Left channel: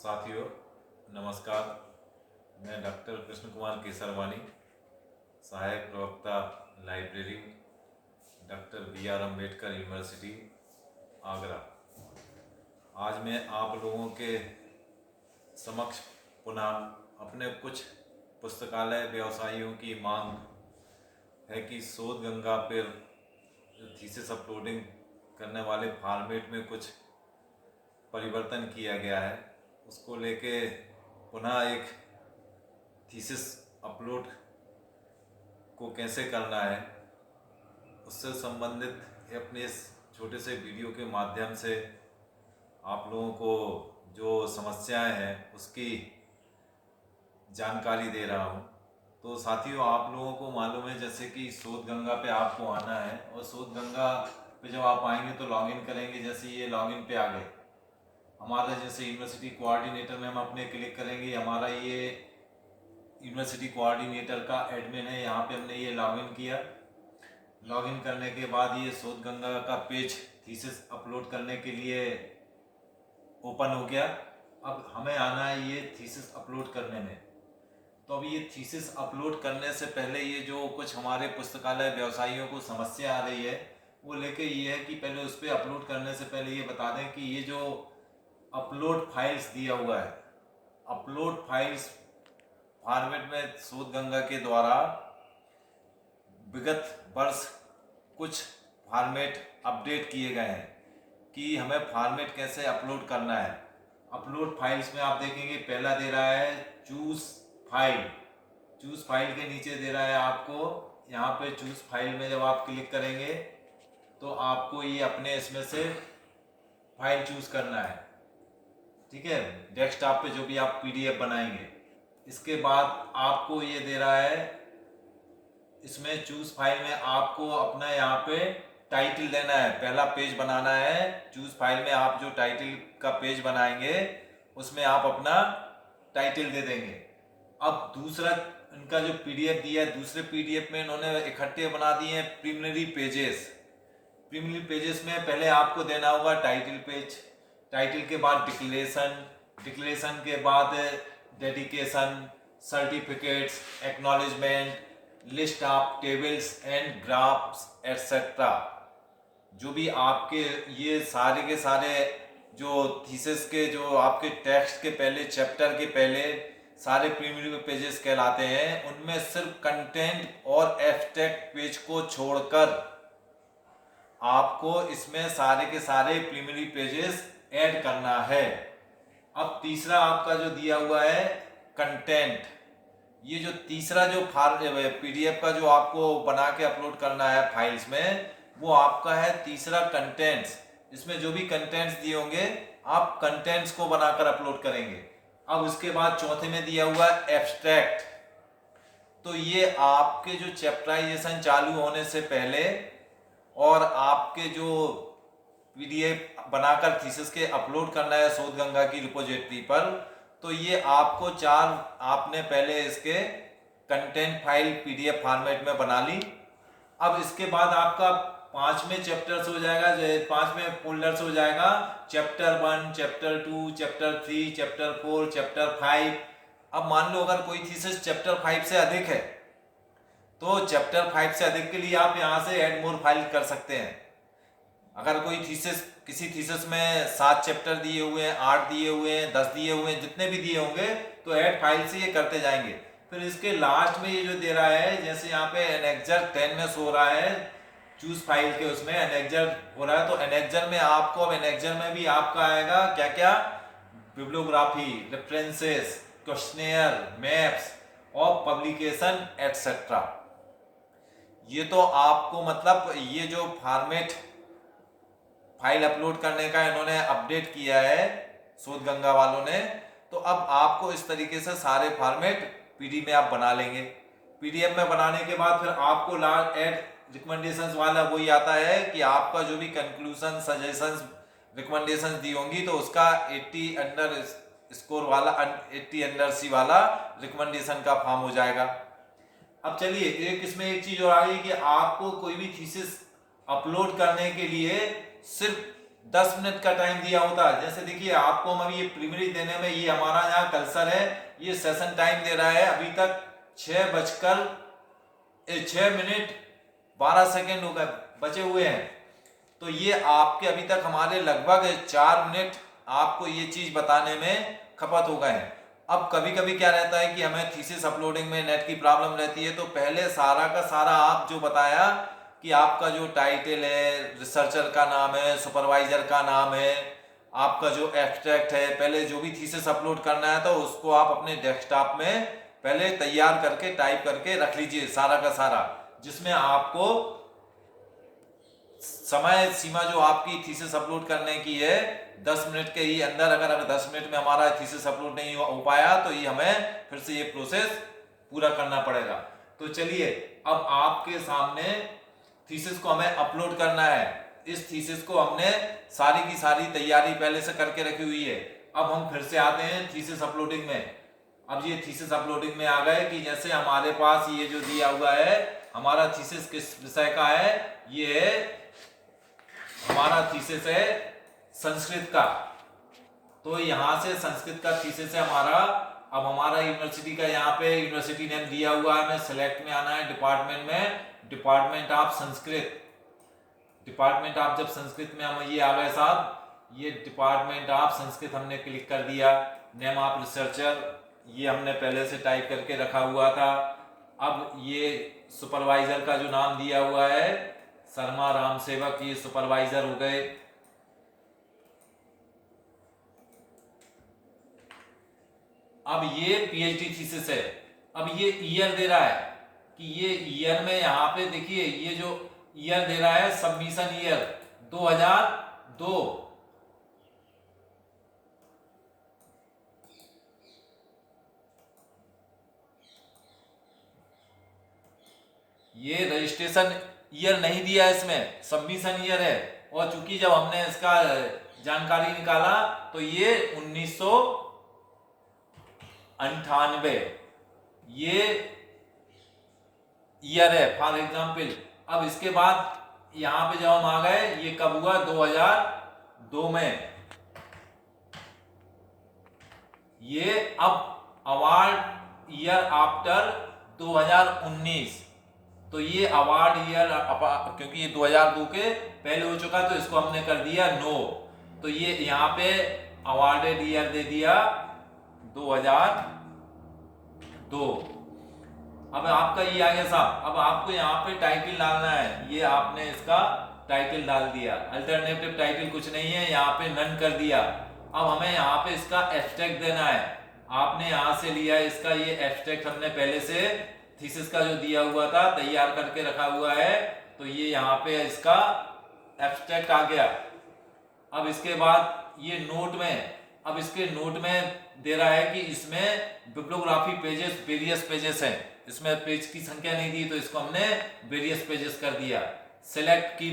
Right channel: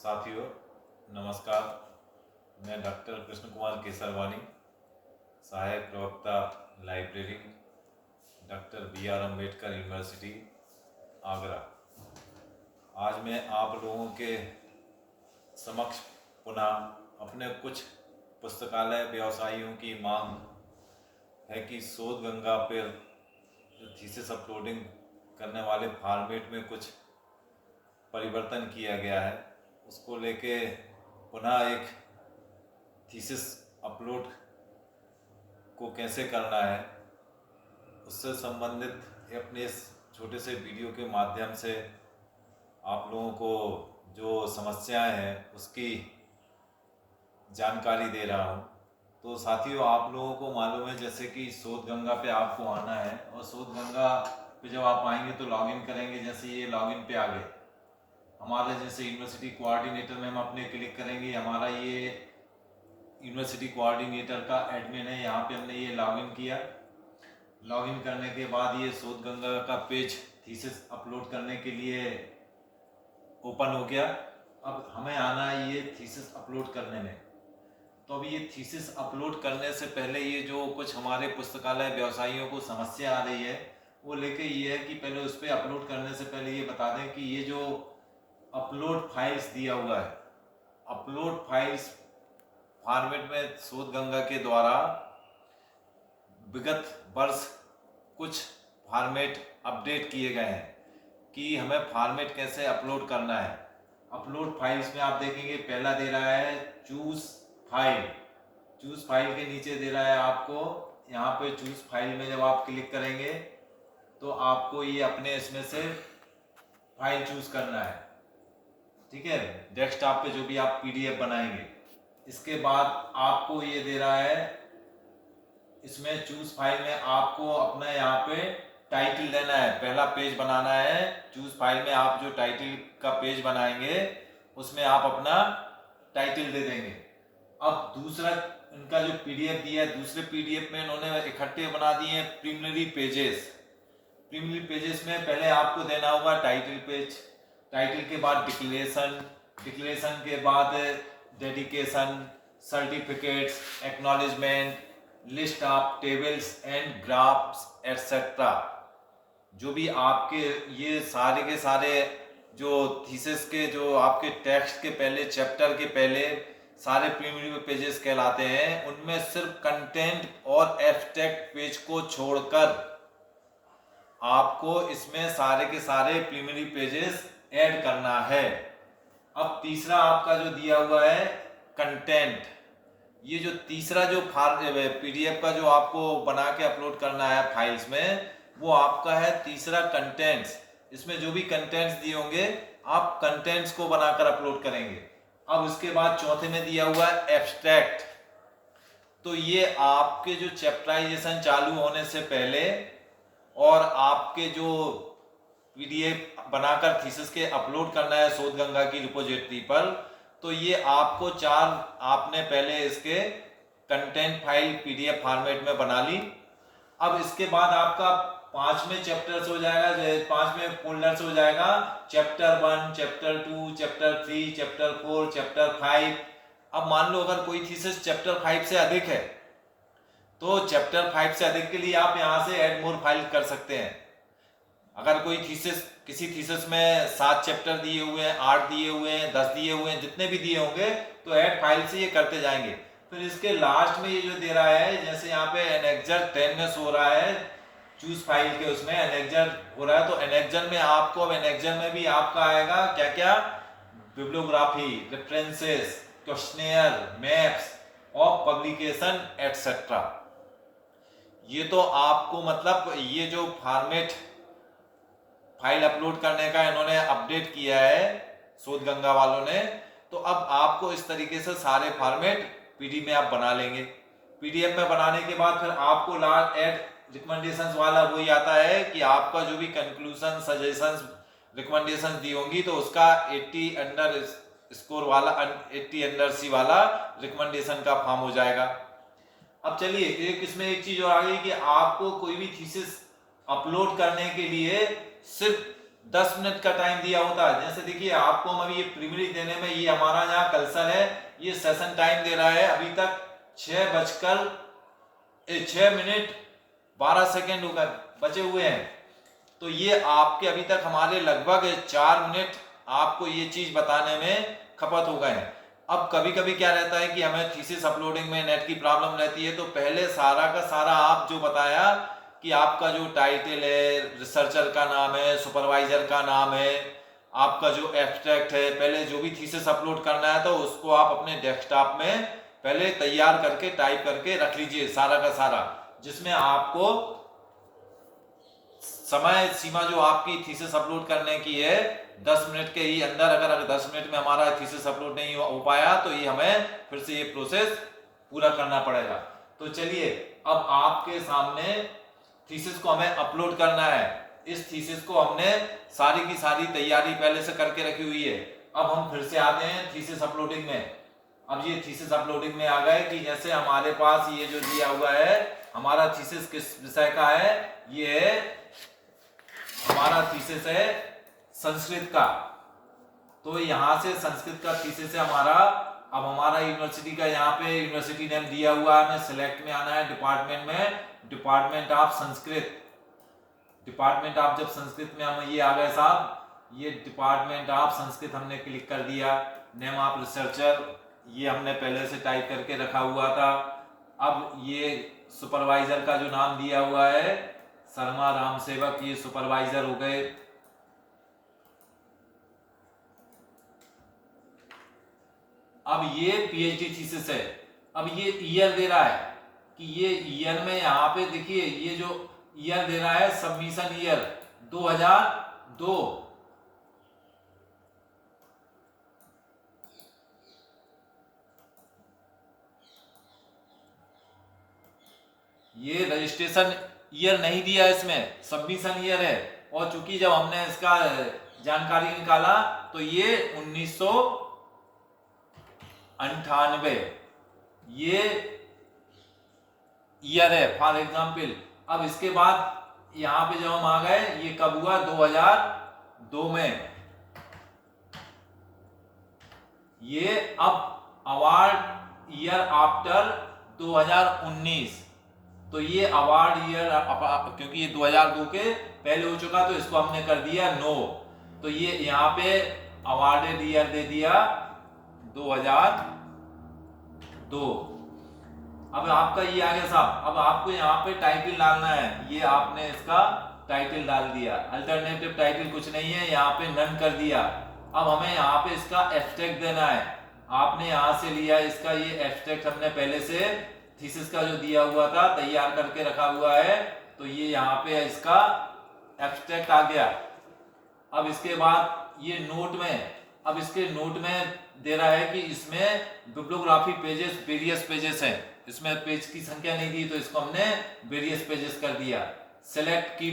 साथियों नमस्कार। मैं डॉक्टर कृष्ण कुमार केसरवानी, सहायक प्रवक्ता library, doctor B R. Ambedkar university Agra. आज मैं आप लोगों के समक्ष पुनः अपने कुछ पुस्तकालय व्यवसायियों की मांग है कि शोध गंगा पर थीसिस अपलोडिंग करने वाले फॉर्मेट में कुछ परिवर्तन किया गया है, उसको लेके पुनः एक थीसिस अपलोड को कैसे करना है, उससे संबंधित अपने इस छोटे से वीडियो के माध्यम से आप लोगों को जो समस्याएं हैं उसकी जानकारी दे रहा हूं। तो साथियों, आप लोगों को मालूम है जैसे कि शोध गंगा पे आपको आना है, और शोध गंगा पे जब आप आएंगे तो लॉगिन करेंगे। जैसे ये लॉगिन पे आ गए, हमारे जैसे यूनिवर्सिटी कोऑर्डिनेटर में हम अपने क्लिक करेंगे, हमारा ये यूनिवर्सिटी कोऑर्डिनेटर का एडमिन है, यहाँ पे हमने ये लॉगिन किया। लॉगिन करने के बाद ये शोध गंगा का पेज थीसिस अपलोड करने के लिए ओपन हो गया। अब हमें आना है ये थीसिस अपलोड करने में। तो अब ये थीसिस अपलोड करने से पहले ये जो कुछ हमारे पुस्तकालय व्यवसायियों को समस्या आ रही है वो लेके ये है कि पहले उस पर अपलोड करने से पहले ये बता दें कि ये जो अपलोड फाइल्स दिया हुआ है, अपलोड फाइल्स फॉर्मेट में शोध गंगा के द्वारा विगत वर्ष कुछ फॉर्मेट अपडेट किए गए हैं कि हमें फॉर्मेट कैसे अपलोड करना है। अपलोड फाइल्स में आप देखेंगे पहला दे रहा है चूज फाइल। चूज फाइल के नीचे दे रहा है आपको यहाँ पे चूज फाइल में जब आप क्लिक करेंगे तो आपको ये अपने इसमें से फाइल चूज करना है, ठीक है, डेस्कटॉप पे जो भी आप पीडीएफ बनाएंगे। इसके बाद आपको ये दे रहा है, इसमें चूज फाइल में आपको अपना यहाँ पे टाइटल देना है, पहला पेज बनाना है। चूज फाइल में आप जो टाइटल का पेज बनाएंगे उसमें आप अपना टाइटल दे देंगे। अब दूसरा इनका जो पीडीएफ दिया है, दूसरे पीडीएफ में इन्होंने इकट्ठे बना दिए हैं प्रीलिमिनरी पेजेस। प्रीलिमिनरी पेजेस में पहले आपको देना होगा टाइटल पेज, टाइटल के बाद डिक्लेरेशन, डिक्लेरेशन के बाद dedication, certificates, acknowledgement, list of tables and graphs etcetera. जो भी आपके ये सारे के सारे जो थीसिस के जो आपके टेक्स्ट के पहले चैप्टर के पहले सारे प्रीलिमिनरी पेजेस कहलाते हैं, उनमें सिर्फ कंटेंट और एब्स्ट्रैक्ट पेज को छोड़कर आपको इसमें सारे के सारे प्रीलिमिनरी पेजेस ऐड करना है। अब तीसरा आपका जो दिया हुआ है कंटेंट, ये जो तीसरा जो पीडीएफ का जो आपको बना के अपलोड करना है फाइल्स में, वो आपका है तीसरा कंटेंट्स। इसमें जो भी कंटेंट्स दिए होंगे आप कंटेंट्स को बनाकर अपलोड करेंगे। अब उसके बाद चौथे में दिया हुआ है एब्स्ट्रैक्ट। तो ये आपके जो चैप्टराइजेशन चालू होने से पहले और आपके जो पीडीएफ बनाकर थीसिस के अपलोड करना है शोध गंगा की रिपोजिटरी पर, तो ये आपको आपने पहले इसके कंटेंट फाइल पीडीएफ फॉर्मेट में बना ली। अब इसके बाद आपका 5 में चैप्टर्स हो जाएगा, 5 में फोल्डर्स हो जाएगा, chapter 1, chapter 2, chapter 3, chapter 4, chapter 5। अब मान लो अगर कोई थीसिस चैप्टर 5 से अधिक है तो चैप्टर 5 से अधिक के लिए आप यहाँ से ऐड मोर फाइल कर सकते हैं। अगर कोई थीसिस किसी थीसिस में 7 चैप्टर दिए हुए हैं, 8 दिए हुए हैं, 10 दिए हुए हैं, जितने भी दिए होंगे तो ऐड फाइल से ये करते जाएंगे। फिर इसके लास्ट में ये जो दे रहा है, जैसे यहाँ पे एनेक्जर 10 में सो रहा है चूज फाइल के, उसमें एनेक्जर हो रहा है, तो एनेक्जर में आपको अब एनेक्जर में भी आपका आएगा क्या क्या, बिब्लियोग्राफी, रेफरेंसेस, क्वेश्चनेयर, मैप्स और पब्लिकेशन एटसेट्रा। ये तो आपको मतलब ये जो फॉर्मेट फाइल अपलोड करने का इन्होंने अपडेट किया है शोध गंगा वालों ने, तो अब आपको इस तरीके से सारे फॉर्मेट पीडीएफ में आप बना लेंगे। पीडीएफ में बनाने के बाद फिर आपको लास्ट ऐड रिकमेंडेशंस वाला वही आता है कि आपका जो भी कंक्लूजन, सजेशंस, रिकमेंडेशंस दी होंगी तो उसका 80 अंडर स्कोर वाला 80 अंडर सी वाला रिकमेंडेशन का फॉर्म हो जाएगा। अब चलिए एक इसमें एक चीज और आ गई कि आपको कोई भी थीसिस अपलोड करने के लिए सिर्फ 10 मिनट का टाइम दिया होता है। जैसे देखिए आपको हम अभी ये प्रीलिमिनरी देने में, ये हमारा यहाँ कर्सर है, ये सेशन टाइम दे रहा है अभी तक 6 मिनट 12 सेकेंड हो गए बचे हुए हैं। तो ये आपके अभी तक हमारे लगभग 4 मिनट आपको ये चीज बताने में खपत हो गए हैं। अब कभी कभी क्या रहता है कि हमें थीसिस अपलोडिंग में नेट की प्रॉब्लम रहती है, तो पहले सारा का सारा आप जो बताया कि आपका जो टाइटल है, रिसर्चर का नाम है, सुपरवाइजर का नाम है, आपका जो एब्स्ट्रैक्ट है, पहले जो भी थीसिस अपलोड करना है तो उसको आप अपने डेस्कटॉप में पहले तैयार करके टाइप करके रख लीजिए सारा का सारा, जिसमें आपको समय सीमा जो आपकी थीसिस अपलोड करने की है 10 मिनट के ही अंदर, अगर 10 मिनट में हमारा थीसिस अपलोड नहीं हो पाया तो ये हमें फिर से ये प्रोसेस पूरा करना पड़ेगा। तो चलिए अब आपके सामने थीसिस को हमें अपलोड करना है। इस थीसिस को हमने सारी की सारी तैयारी पहले से करके रखी हुई है। अब हम फिर से आते हैं थीसिस अपलोडिंग में। अब ये थीसिस अपलोडिंग में आ गए कि जैसे हमारे पास ये जो दिया हुआ है, हमारा थीसिस किस विषय का है, ये है हमारा थीसिस है संस्कृत का। तो यहां से संस्कृत का थीसिस है हमारा। अब हमारा यूनिवर्सिटी का यहाँ पे यूनिवर्सिटी नेम दिया हुआ है, हमें सिलेक्ट में आना है डिपार्टमेंट में, department of Sanskrit. Department of जब संस्कृत में हम ये आ गए साहब, ये डिपार्टमेंट ऑफ संस्कृत हमने क्लिक कर दिया। नेम ऑफ रिसर्चर ये हमने पहले से टाइप करके रखा हुआ था। अब ये सुपरवाइजर का जो नाम दिया हुआ है शर्मा राम सेवक, ये सुपरवाइजर हो गए। अब ये पीएचडी थीसिस है। अब ये ईयर दे रहा है कि ये ईयर में यहाँ पे देखिए ये जो ईयर दे रहा है सबमिशन ईयर 2002। ये रजिस्ट्रेशन ईयर नहीं दिया है, इसमें सबमिशन ईयर है। और चूंकि जब हमने इसका जानकारी निकाला तो ये 1998 ये ईयर है फॉर एग्जाम्पल। अब इसके बाद यहां पे जब हम आ गए, ये कब हुआ 2002 में। ये अब अवार्ड ईयर आफ्टर 2019, तो ये अवार्ड ईयर क्योंकि ये 2002 के पहले हो चुका तो इसको हमने कर दिया नो। तो ये यहाँ पे अवार्डेड ईयर दे दिया 2002। अब आपका ये आ गया साहब। अब आपको यहाँ पे टाइटल डालना है, ये आपने इसका टाइटल डाल दिया। अल्टरनेटिव टाइटल कुछ नहीं है, यहाँ पे नन कर दिया। अब हमें यहाँ पे इसका एब्स्ट्रैक्ट देना है। आपने यहाँ से लिया इसका, ये एब्स्ट्रैक्ट हमने पहले से थीसिस का जो दिया हुआ था तैयार करके रखा हुआ है, तो ये यहाँ पे इसका एब्स्ट्रैक्ट आ गया। अब इसके बाद ये नोट में, अब इसके नोट में दे रहा है कि इसमें बिब्लियोग्राफी पेजेस वेरियस पेजेस हैं, इसमें पेज की संख्या नहीं दी तो इसको हमने वेरियस पेजेस कर दिया। सेलेक्ट की